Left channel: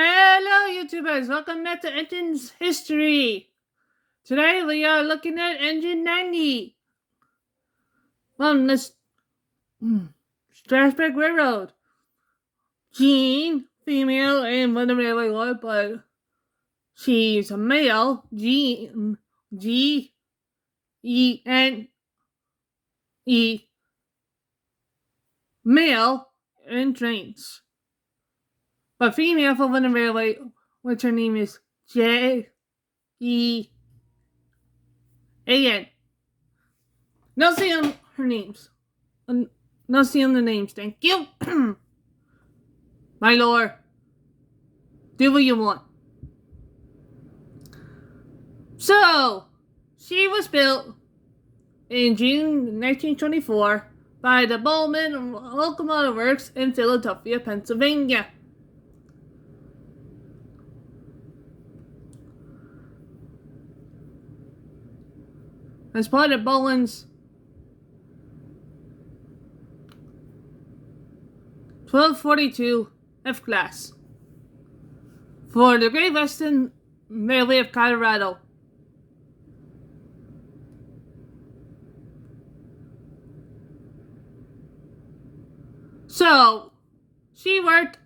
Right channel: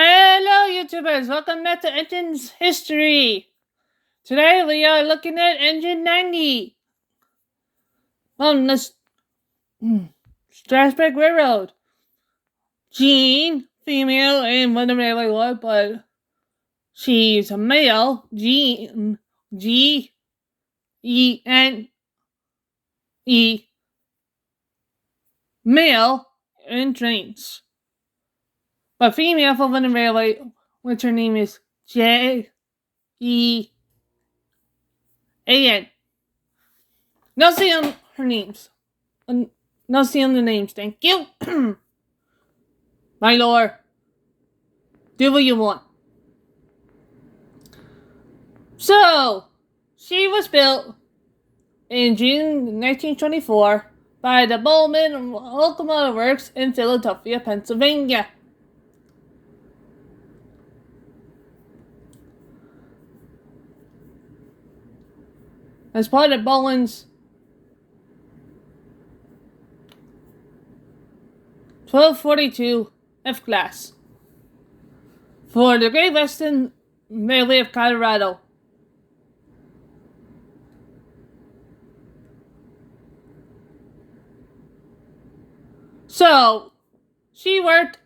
Hello, YouTubers! Welcome back to Engine's History. Today we are looking at Engine 90 on the Strasbourg Railroad. Jean, female, and Mother Railway Lord, but she's a male. Jean, G-E-N-E, male, in trains. But female for Mother Railway, which her name is J-E-A-N. No see on her names. No see on the names, thank you. My lord. Do what you want. So, she was built in June 1924 by the Bowman Locomotive Works in Philadelphia, Pennsylvania. As part of Bowen's 1242 F class for the Great Western Railway of Colorado. So, she worked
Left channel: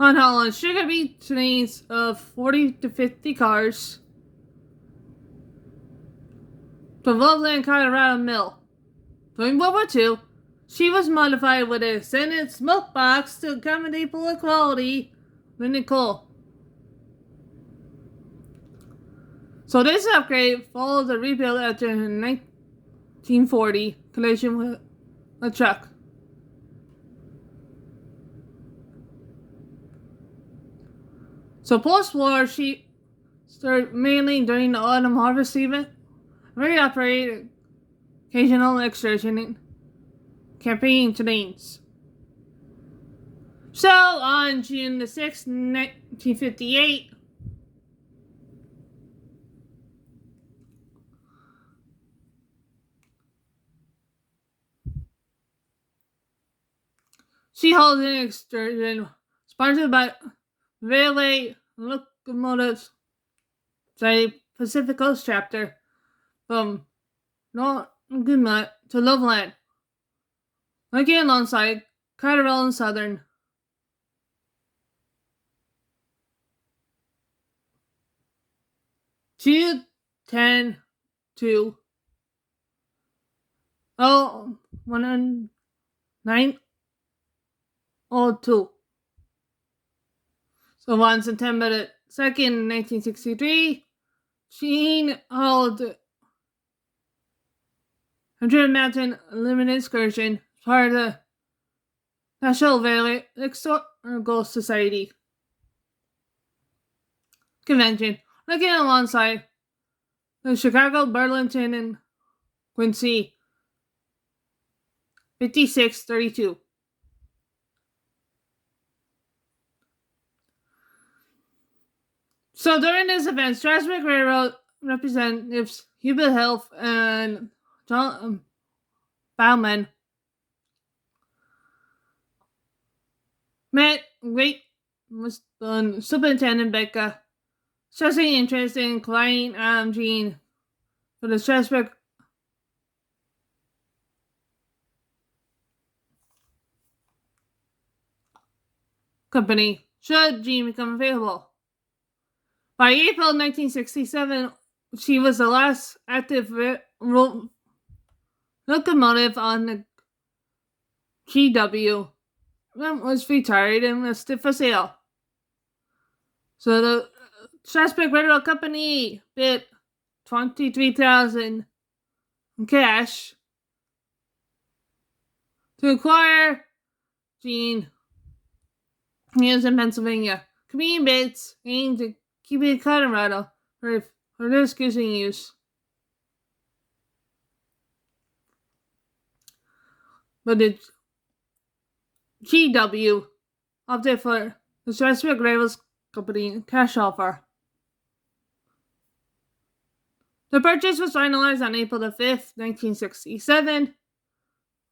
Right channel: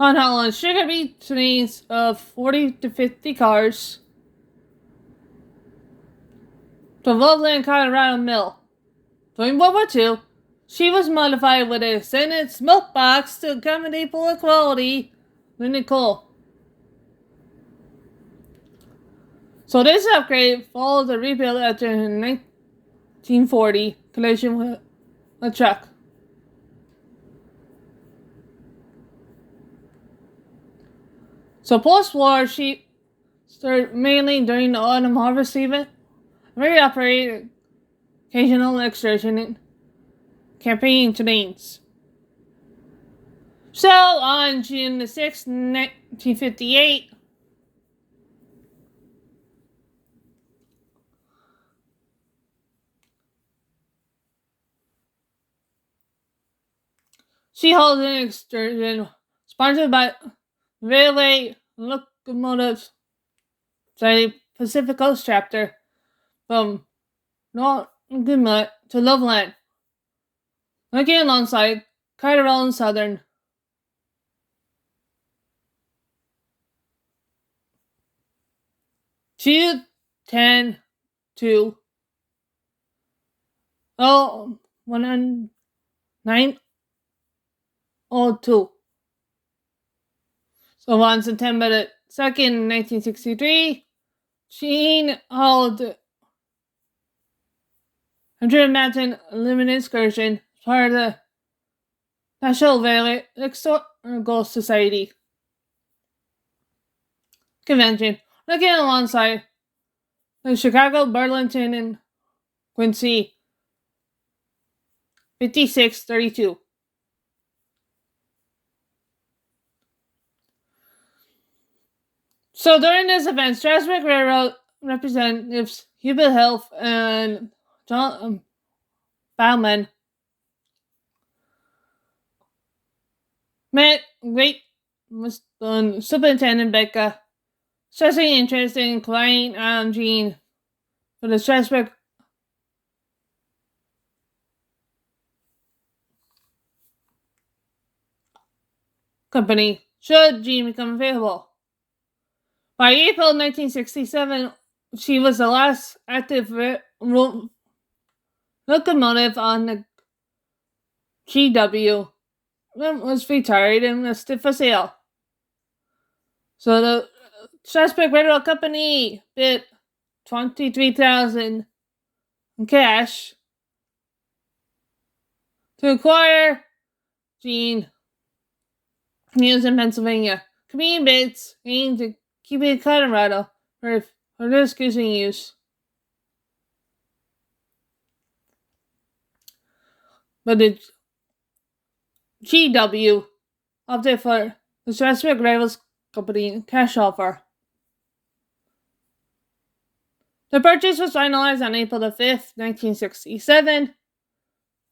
on Holland's sugar beet trains of 40 to 50 cars to Loveland, Colorado Mill. During World War II, she was modified with a Senate smoke box to accommodate poor quality lignite coal. So this upgrade followed the rebuild after 1940 collision with a truck. So post-war, she started mainly during the autumn harvest season, very operated occasional excursion in campaign trains. So on June the 6th, 1958, she holds an excursion sponsored by Railway Locomotives Pacific Coast chapter from Northumberland to Loveland, working alongside Carnival and Southern. June 10 to 1902. So on September 2nd, 1963, Jean held 100 Mountain Limited Excursion as part of the National Railway Historical Society convention, working alongside the Chicago, Burlington, and Quincy 5632. So during this event, Strasbourg Railroad representatives Hubert Hill and John Bauman met Great Superintendent Becca, expressing interest in client Jean for the Strasbourg company should Jean become available. By April 1967, she was the last active locomotive on the GW. Was retired and listed for sale. So the Strasbourg Railroad Company bid $23,000 in cash to acquire Jean News in Pennsylvania. Competing bids aimed to keep it in Colorado for this cruising use. But the GW opted for the Strasbourg Railroad Company cash offer. The purchase was finalized on April the 5th, 1967,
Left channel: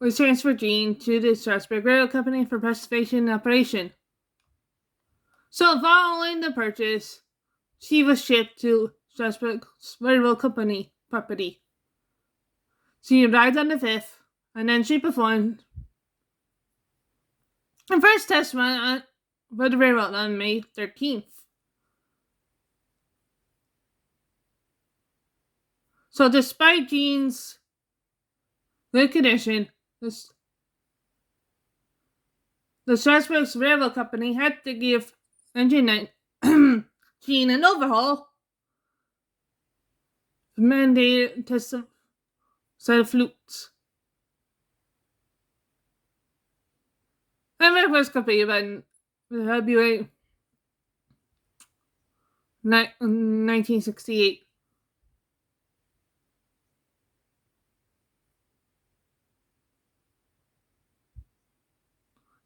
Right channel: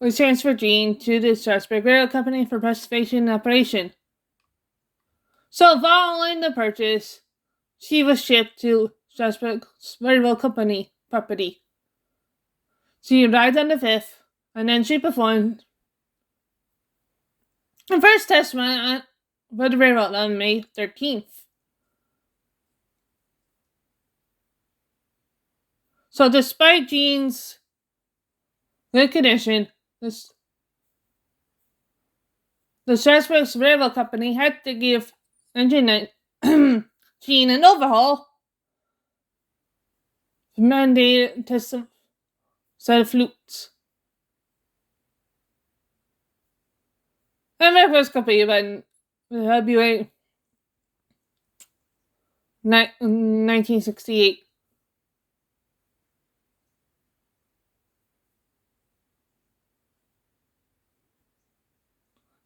was transferred Jean to the Strasbourg Railroad Company for preservation and operation. So following the purchase, she was shipped to Strasbourg Railroad Company property. She arrived on the 5th, and then she performed her first test run for the railroad on May 13th. So despite Jean's good condition, the Strasbourg Railroad Company had to give Engine Jean an overhaul, mandated test set of flutes. And my first completed by February 1968.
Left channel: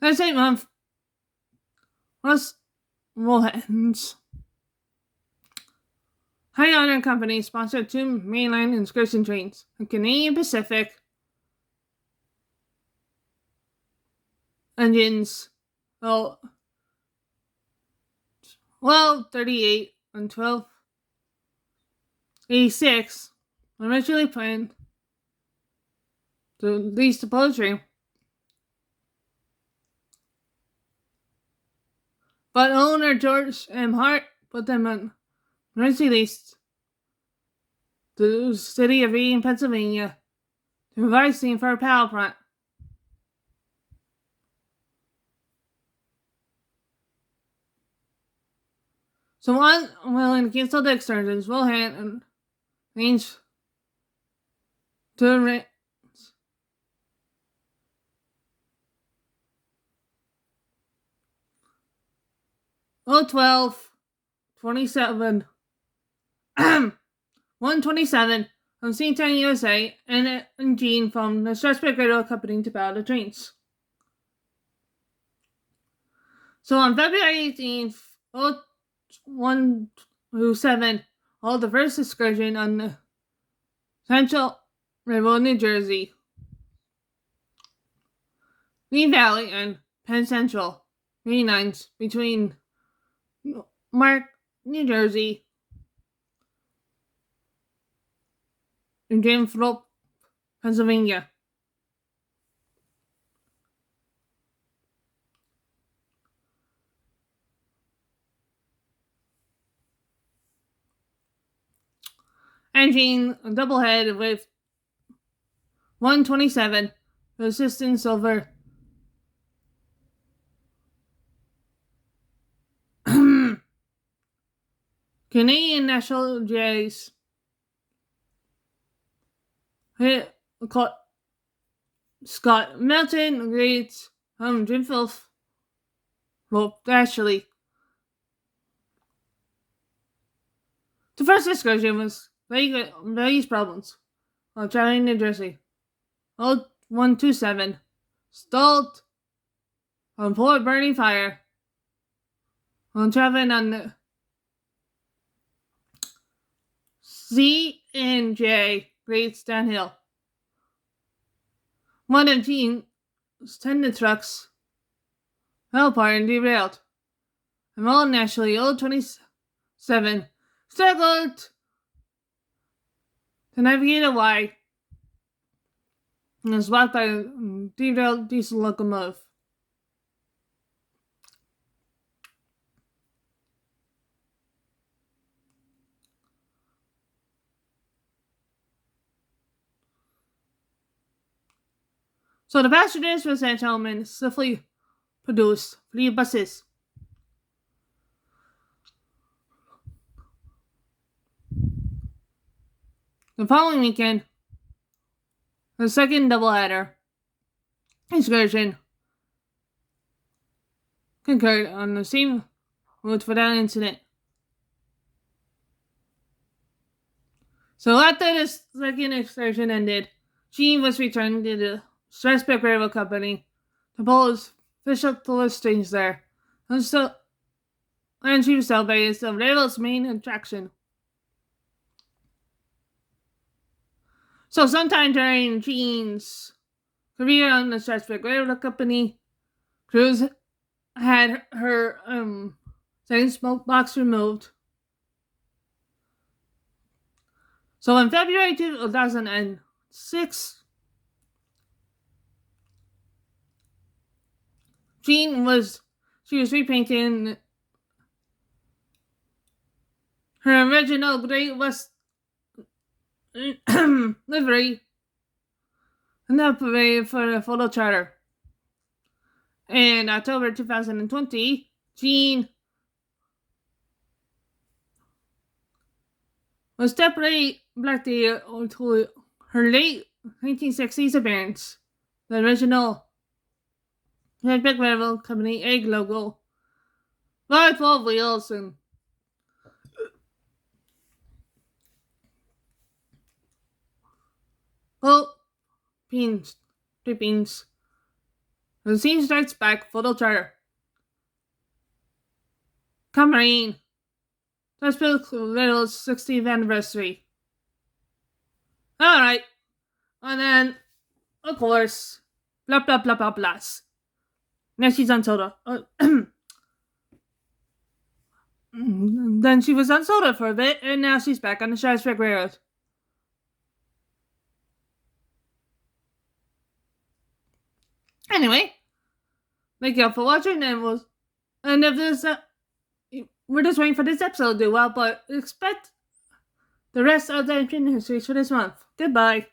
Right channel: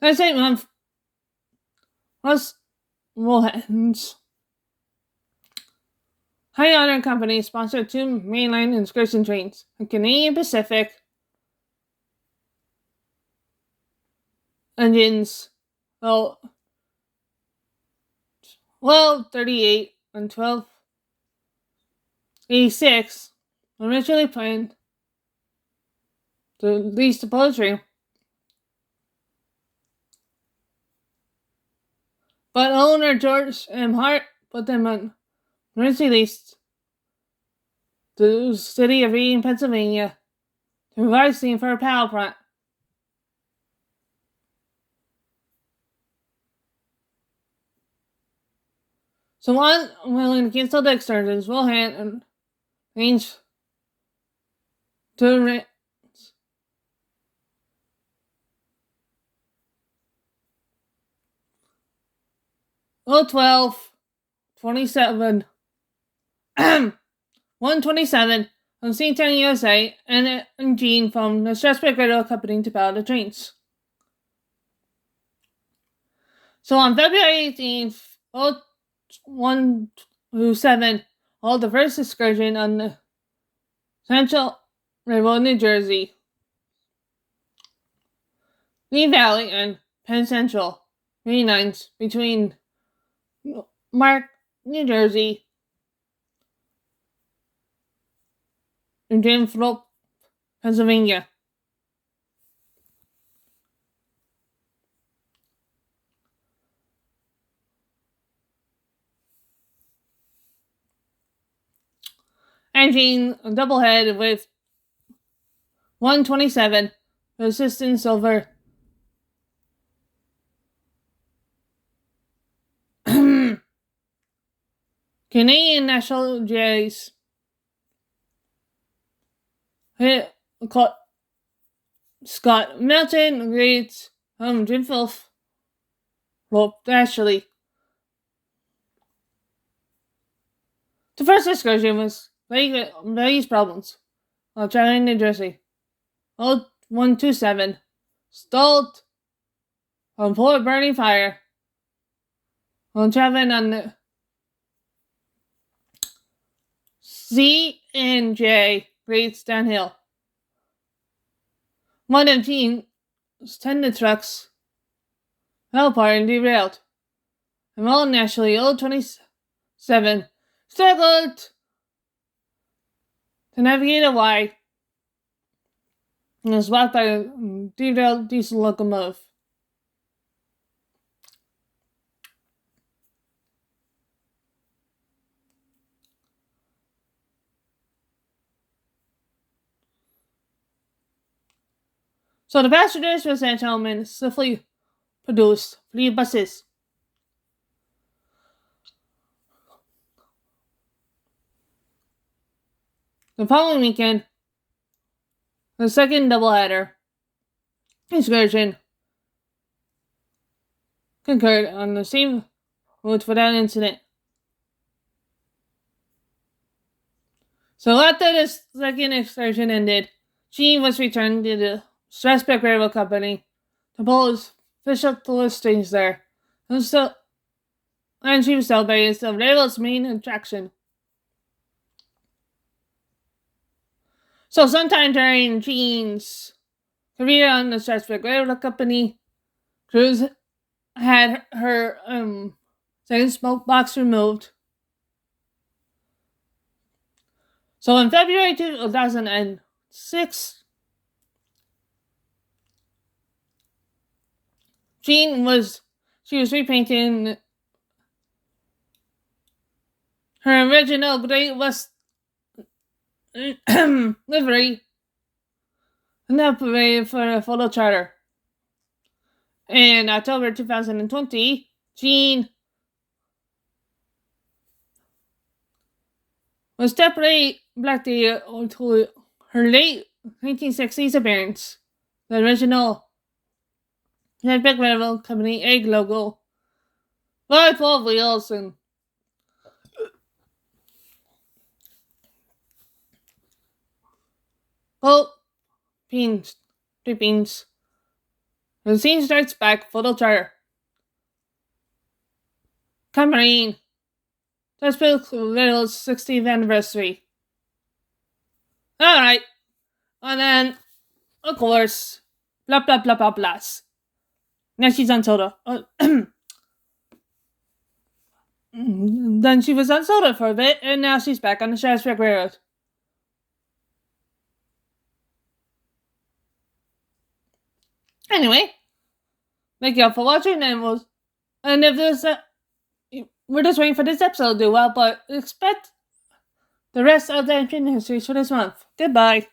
That same month was Wilhelm's High Honor Company sponsored 2 mainline excursion trains, the Canadian Pacific engines 1238 and 1286 originally planned to lease the poetry, but owner George M. Hart put them on emergency lease to the city of Reading, Pennsylvania, to provide steam for a power plant. So unwilling to cancel the excursions, Wilhelm arranged to rent 27 127 from Seatown, USA, and Jean from the Strasbourg Railroad Company to power the trains. So on February 18th, 127, held the first excursion on the Central Railroad, New Jersey, Lee Valley, and Penn Central main lines between Mark, New Jersey, and Danforth, Pennsylvania. Engine doublehead with 127 assistance over Canadian National Jays. Scott Melton, Great, Jim Filth, Rope Ashley. The first excursion was various problems while traveling New Jersey. Old 127 stalled on Port Burning Fire while traveling on the C&J Greats downhill. One of Jean's tender trucks fell apart and derailed, and all naturally old 27 struggled to navigate a Y and was blocked by a derailed diesel locomotive. So the passengers were sent home and swiftly produced 3 buses. The following weekend, the second doubleheader excursion concurred on the same route without incident. So after the second excursion ended, Jean was returned to the Strasbourg Railroad Company to pose fish up the listings there, and she was celebrated as the railroad's main attraction. So sometime during Jean's career on the Strasbourg Railroad Company. Cruz had her second smoke box removed. So in February 2006, she was repainting her original Great West livery in the parade for a photo charter. In October 2020, Jean was deputy Black Day to her late 1960s appearance. The original Big Railroad Company egg logo, 5 wheels, and gold pins, 3 pins. The scene starts back, photo charter. Company Strasbourg Railroad's 60th anniversary. Alright. And then, of course, blah blah blah blah blah. Now she's on soda. Then she was on soda for a bit, and now she's back on the Strasbourg Railroad. Anyway, thank you all for watching, and if this, we're just waiting for this episode to do well, but expect the rest of the Infinite Histories for this month. Goodbye.